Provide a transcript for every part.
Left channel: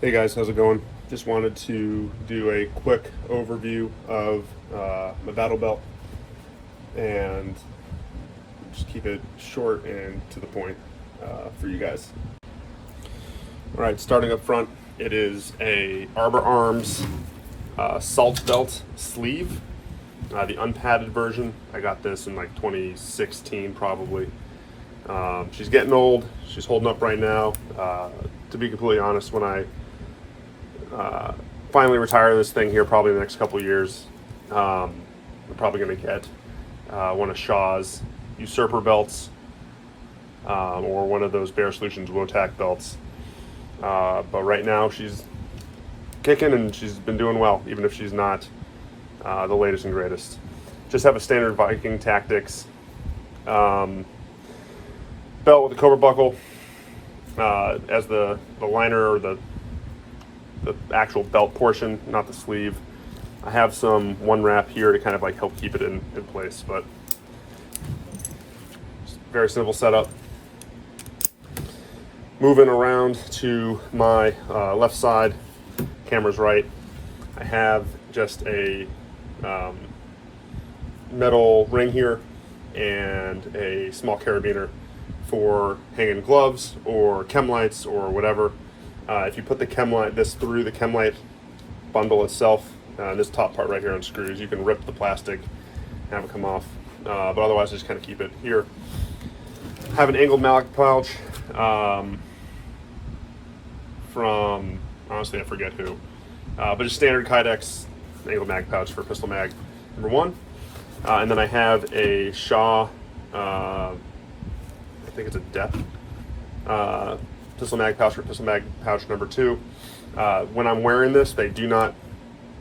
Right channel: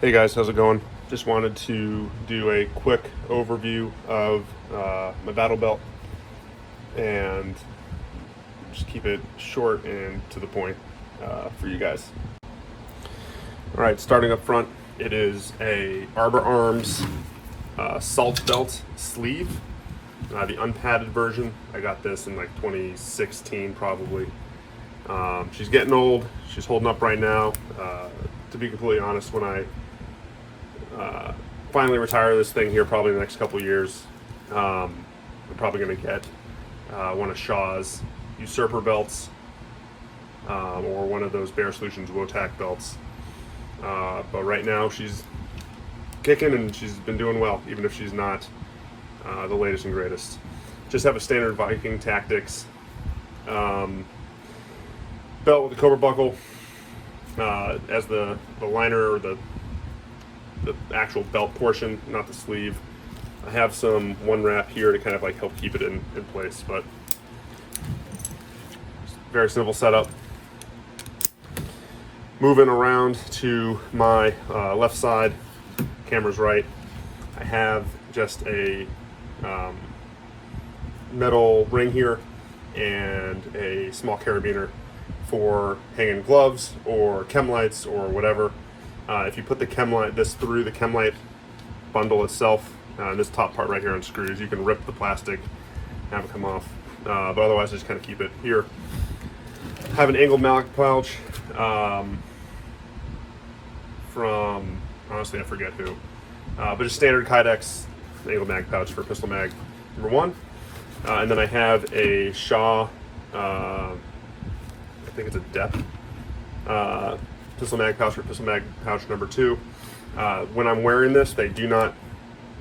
Hey guys, how's it going? Just wanted to do a quick overview of my battle belt and just keep it short and to the point for you guys. All right, starting up front, it is a Arbor Arms SALT Belt sleeve, the unpadded version. I got this in like 2016 probably. She's getting old. She's holding up right now. To be completely honest, when I finally retire this thing here, probably in the next couple years, I'm probably going to get one of Shaw's usurper belts or one of those Bear Solutions Wotac belts. But right now she's kicking and she's been doing well, even if she's not the latest and greatest. Just have a standard Viking Tactics belt with a cobra buckle as the liner or the actual belt portion, not the sleeve. I have some one wrap here to kind of like help keep it in place, but very simple setup. Moving around to my left side, camera's right. I have just a metal ring here and a small carabiner for hanging gloves or chem lights or whatever. If you put the chem light, this through the chem light bundle itself, this top part right here unscrews, you can rip the plastic, have it come off, but otherwise just kind of keep it here. I have an angled mag pouch from, honestly I forget who, but just standard Kydex angled mag pouch for pistol mag number 1. And then I have a Shaw, I think it's a depth, pistol mag pouch for pistol mag pouch number 2. When I'm wearing this, they do not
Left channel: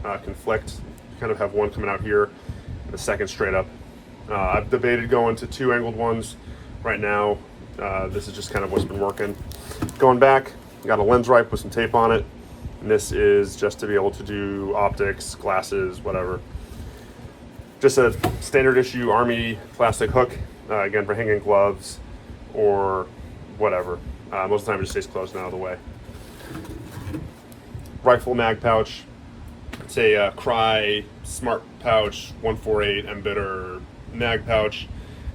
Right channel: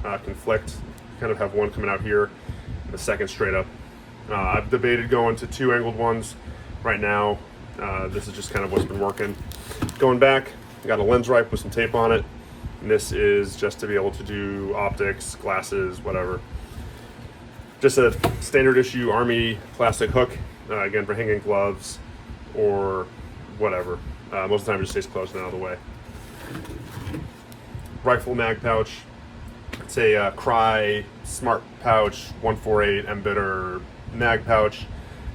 conflict. You kind of have one coming out here and the second straight up. I've debated going to 2 angled ones right now. This is just kind of what's been working. Going back, got a lens ripe with some tape on it, and this is just to be able to do optics, glasses, whatever. Just a standard issue Army plastic hook, again for hanging gloves or whatever. Most of the time it just stays closed and out of the way. Rifle mag pouch. It's a Cry Smart Pouch 148 Embedder mag pouch.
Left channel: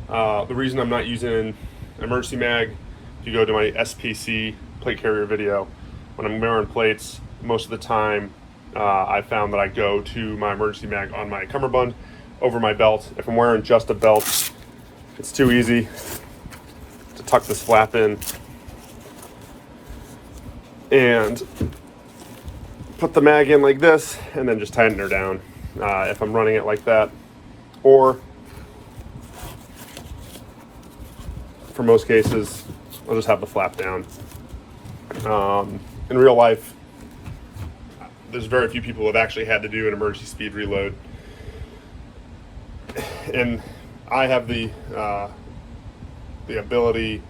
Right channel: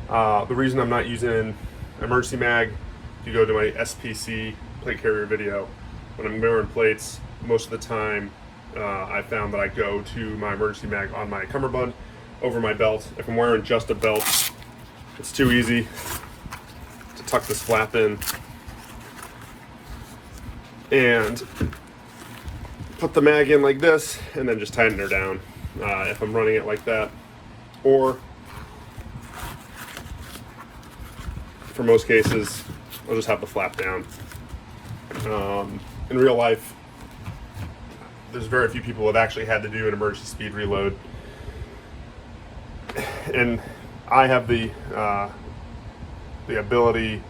The reason I'm not using emergency mag, if you go to my SPC plate carrier video, when I'm wearing plates, most of the time I found that I go to my emergency mag on my cummerbund over my belt. If I'm wearing just a belt, it's too easy to tuck this flap in and put the mag in like this and then just tighten her down if I'm running it like that. Or for most cases, I'll just have the flap down. In real life, there's very few people who have actually had to do an emergency speed reload. And I have the ability,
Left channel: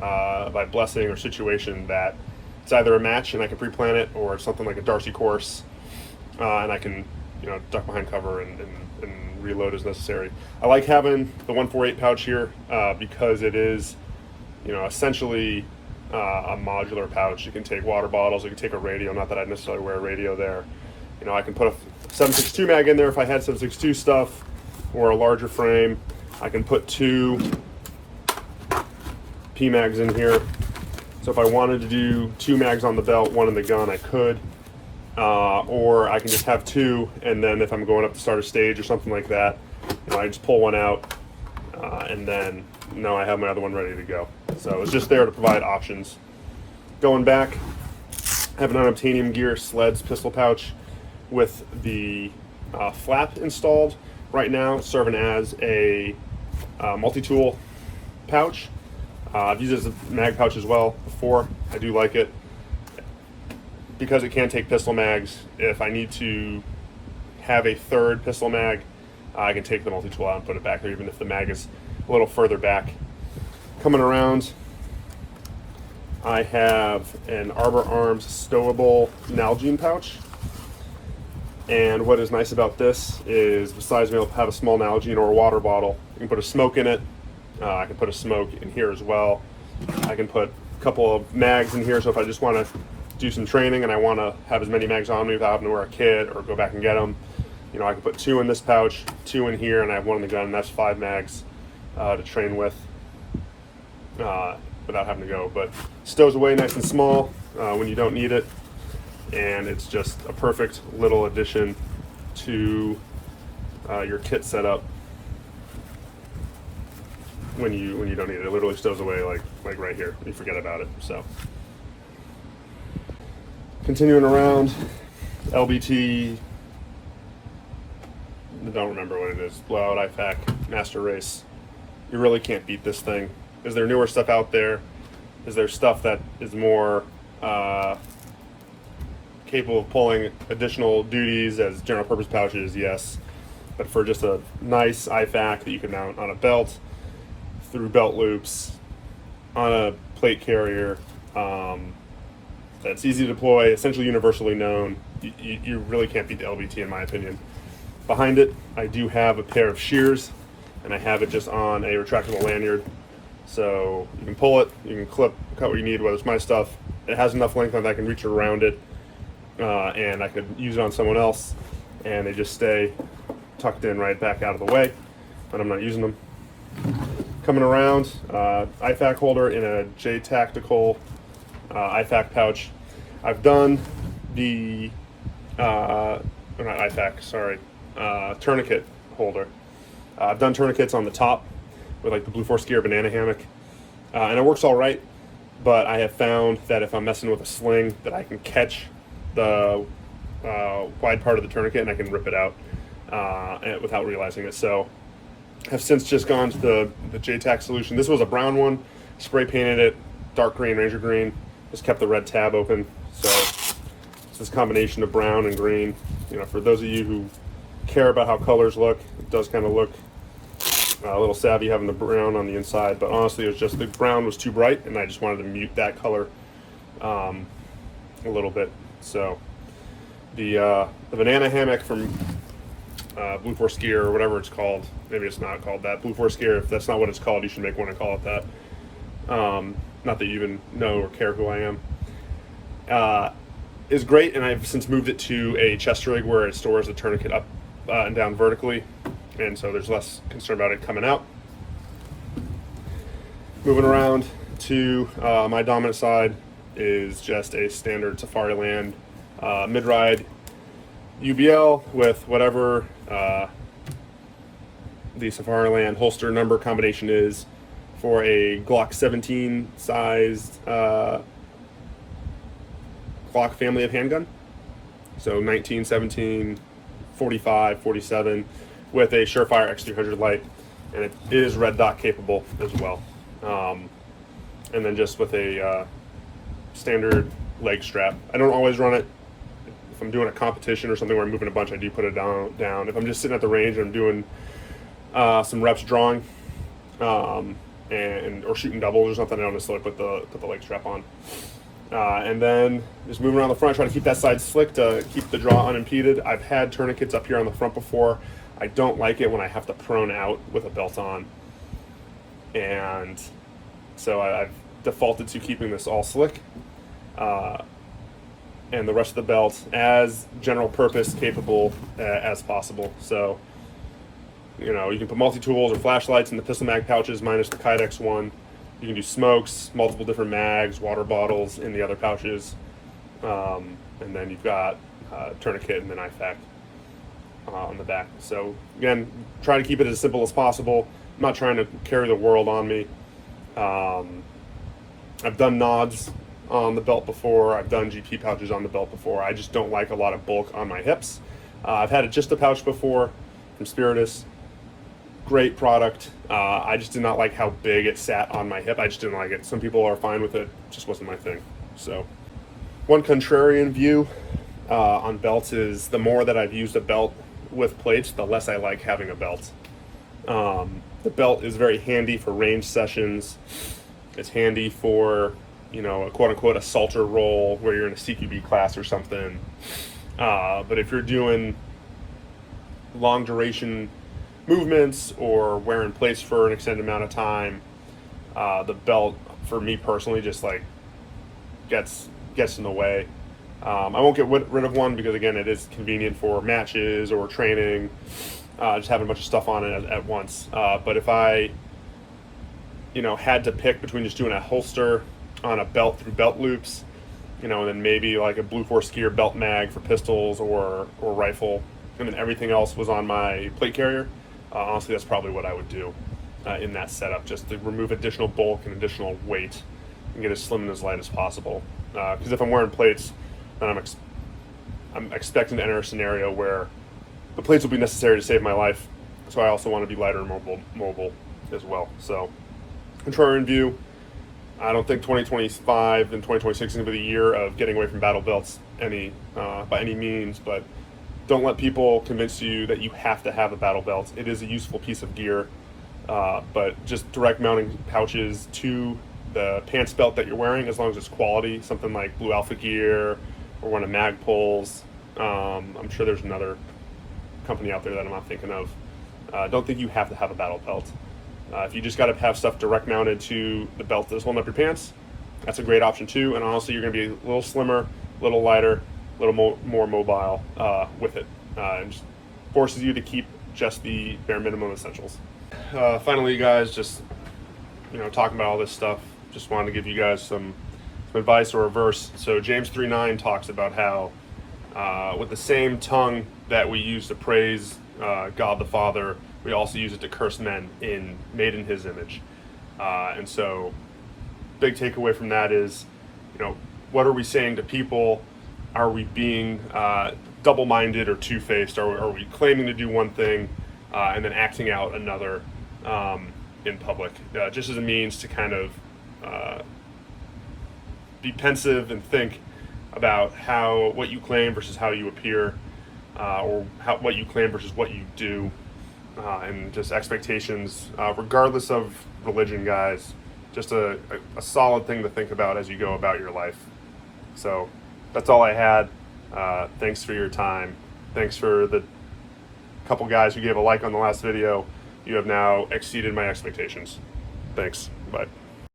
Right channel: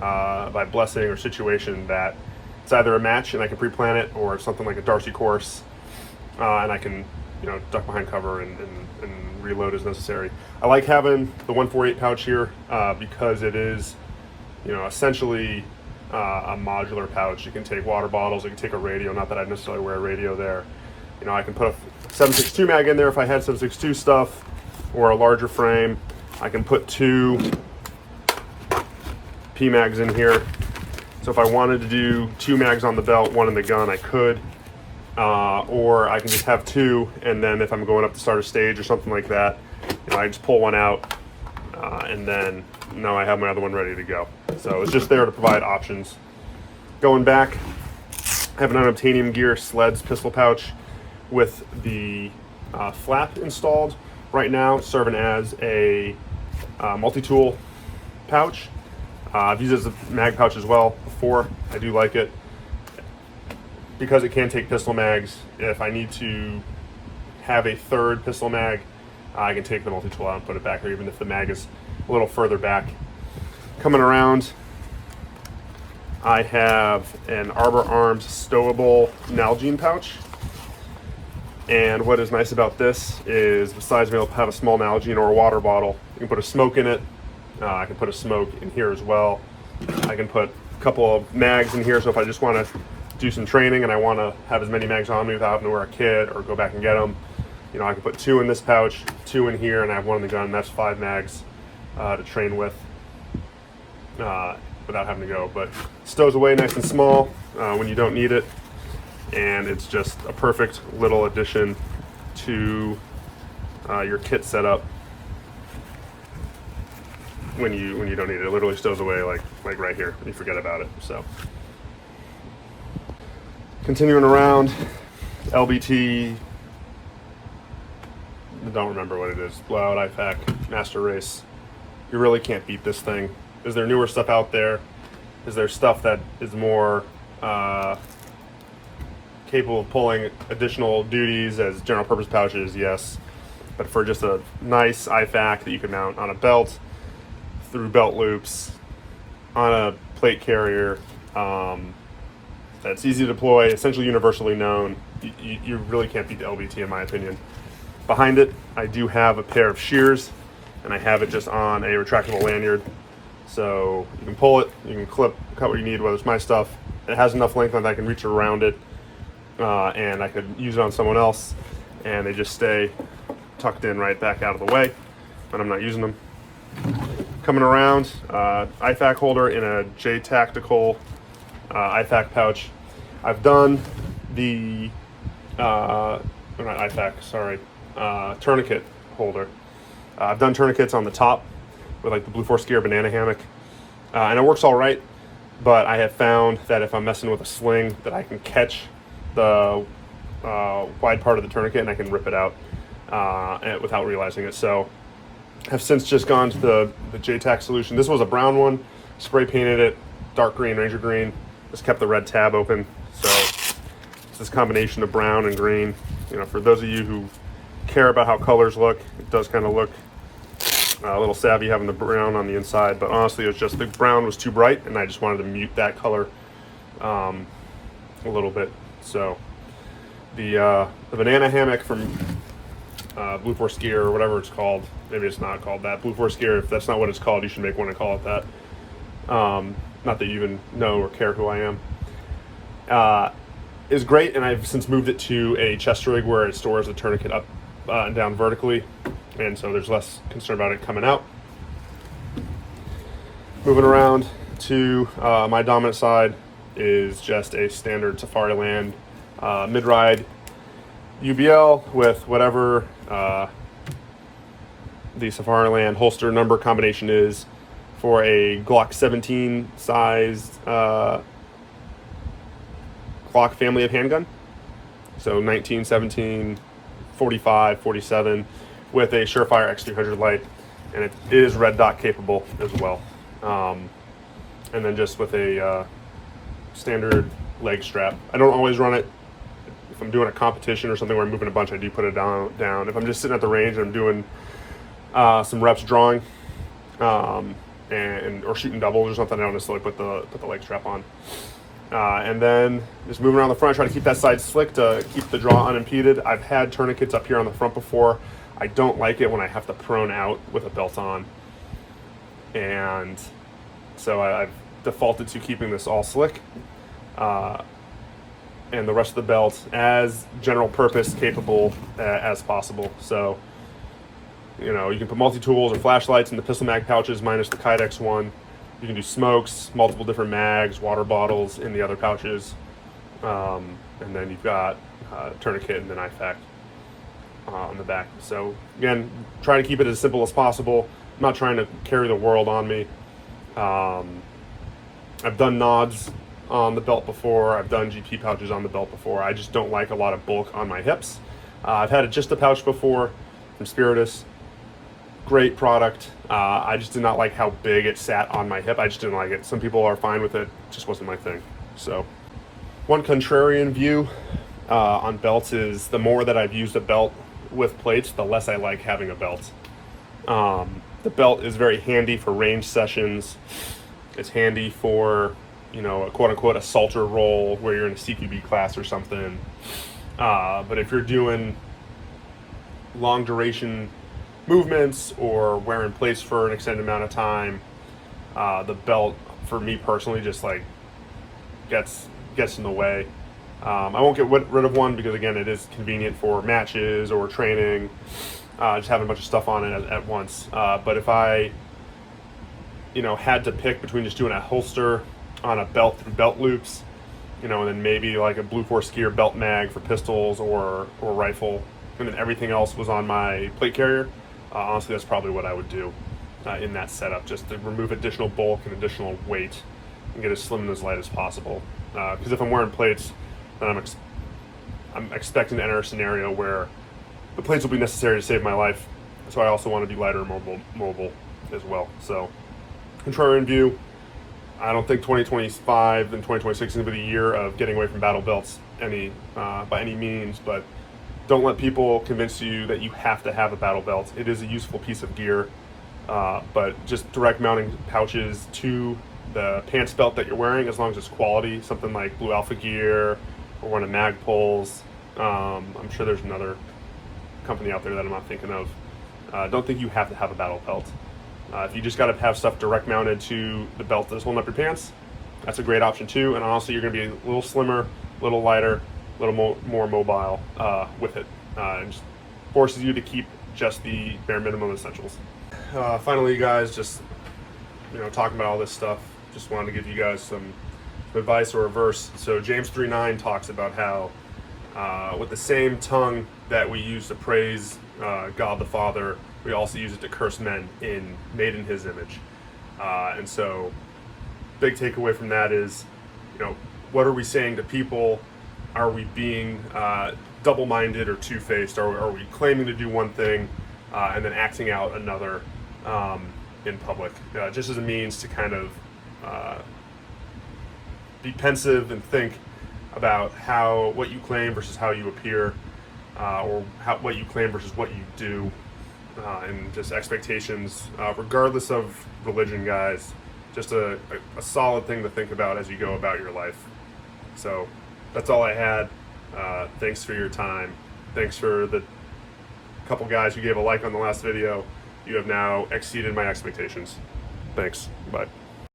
by blessing or situation, that it's either a match and I can pre-plan it, or something like a Darcy course, and I can, duck behind cover and reload as necessary. I like having the 148 pouch here because it is, essentially a modular pouch. You can take water bottles, you can take a radio. Not that I necessarily wear a radio there. I can put a 7.62 mag in there if I had 7.62 stuff, or a larger frame. I can put 2 P mags in here. So if I wanted to do 2 mags on the belt, 1 in the gun, I could. Or I can just have 2, and then if I'm going up to start a stage or something like that, I just pull one out, and then now I have my other one ready to go. So it's just there to provide options. Going back, I have an unobtainium gear sleds pistol pouch with the flap installed right now, serving as a multi-tool pouch. I've used it as a mag pouch as well before. I do like it because it can take pistol mags. If I need to have a third pistol mag, I can take the multi-tool out and put it back, or even if the mag is a little further back. Coming around, I have an Arbor Arms stowable Nalgene pouch. And what is nice about this is, besides being able to have a small Nalgene or a water bottle, you can put a smoke in it. I can put a smoke in here as well. I can put a couple of mags in here, so if I just want to do some training and I want to have as many mags on me without having to wear a kit or go back and get them, you know, I can put 2 in this pouch, 2 in here, and I have 1 in the gun. That's 5 mags to train with without having to go. But stows away nice and small when you don't need it, and it's just a perfect little addition to your kit setup when you don't need it. It literally stows away like right here. You forget about it. So continuing around, LBT. I don't remember what it is. Blowout IFAK Master Race. You really can't beat this thing. Is there newer stuff out there? Is there stuff that is more capable of pulling additional duties as general purpose pouches? Yes. But for just a nice IFAK that you can mount on a belt, through belt loops, on a plate carrier, that's easy to deploy, essentially universally known, you really can't beat the LBT in my opinion. Behind it, I do have a pair of shears, and I have it just on a retractable lanyard. So you can pull it, you can cut what you need, whether it's my stuff. It has enough length that I can reach around it, and I could use it on someone else, and they just stay tucked in right back out of the way, but I'm not using them. Coming around, IFAK holder in a J Tactical IFAK pouch. I've done the, not IFAK, sorry, tourniquet holder. I've done tourniquets on the top with like the Blue Force Gear banana hammock, and it works all right, but I have found that if I'm messing with a sling that I can catch the wide part of the tourniquet and I can rip it out without realizing it. So have since just gone to the JTAC solution. This was a brown one, spray painted it dark green, Ranger green, just kept the red tab open. So it's this combination of brown and green. You know, for those of you who care about how colors look, it does kind of look a little savvy having the brown on the inside, but honestly it was just the brown was too bright and I just wanted to mute that color a little bit. So the banana hammock from Blue Force Gear, or whatever it's called, maybe it's not called that, Blue Force Gear, if that's not what it's called, you should make one and call it that. Not that you even know or care who I am. Is great, and I've since moved it to a chest rig where it stores the tourniquet up and down vertically, and so there's less concern about it coming out. Moving around to my dominant side is just a standard Safariland mid-ride UBL with whatever the Safariland holster number combination is for a Glock 17 sized Glock family of handgun. So 19, 17, 45, 47 with a Surefire X300 light, and it is red dot capable as well. And then just with a standard leg strap. I don't always run it. If I'm doing a competition or something where I'm moving a bunch, I do put it down. If I'm just sitting at the range and I'm doing some reps drawing or shooting doubles or something, I don't necessarily put the leg strap on. And then just moving around the front, try to keep that side slick to keep the draw unimpeded. I've had tourniquets up here on the front before. I don't like it when I have to prone out with a belt on. And so I've defaulted to keeping this all slick. And the rest of the belt as general purpose capable as possible. So, you know, you can put multi-tools or flashlights in the pistol mag pouches minus the Kydex one. You can do smokes, multiple different mags, water bottles in the other pouches. And then you've got tourniquet and then IFAK on the back. So again, try to keep it as simple as possible. I'm not trying to carry the world on me. I've done nods on the belt before. I've done GP pouches on the belt before. I just don't like a lot of bulk on my hips. I've had just a pouch before from Spiritus. Great product. I just did not like how big it sat on my hip. I just didn't like it. Some people are fine with it. Just wasn't my thing. So one contrarian view on belts is the more that I've used a belt with plates, the less I like having a belt. The belt is very handy for range sessions. It's handy for, you know, a quote-unquote assaulter role where you're in a CQB class or something. But if you're doing long duration movements or wearing plates for an extended amount of time, the belt, for me personally, just like gets gets in the way. I won't get rid of one because, again, it is convenient for matches or training, just having a bunch of stuff on it at once. But if I, had to pick between just doing a holster on a belt through belt loops, and then maybe like a Blue Force Gear belt mag for pistols or rifle, and then everything else was on my plate carrier, honestly, that's probably what I would do in that setup, just to remove additional bulk and additional weight and get as slim and as light as possible. Because if I'm wearing plates, then I'm expecting to enter a scenario where the plates will be necessary to save my life, so I also want to be lighter and mobile as well. So, contrarian view, I don't think 2025 and 2026 is going to be the year of getting away from battle belts by any means, but don't let people convince you that you have to have a battle belt. It is a useful piece of gear, but just direct mounting pouches to the pants belt that you're wearing, as long as it's quality, something like Blue Alpha Gear or one of Magpul's. I'm sure there's another company out there that I'm not thinking of. Don't think you have to have a battle belt. If you just got to have stuff direct mounted to the belt that's holding up your pants, that's a great option too. And honestly, you're going to be a little slimmer, a little lighter, a little more mobile with it. It just forces you to keep just the bare minimum essentials. Finally, guys, just talking about all this stuff, just wanted to give you guys some advice or a verse. So James 3:9 talks about how with the same tongue that we use to praise God the Father, we also use it to curse men made in His image. And so, big takeaway from that is, what are we saying to people? Are we being double-minded or two-faced? Are we claiming to do one thing and then acting out another in public, just as a means to kind of be pensive and think about what you claim versus how you appear, or what you claim versus what you do, and just expectations, regardless of religion, guys. Just a solid thing to think about as you go about your life. So that's all I had. Thanks for your time. Thanks for the couple guys who gave a like on the last video. You have now exceeded my expectations. Thanks. Bye.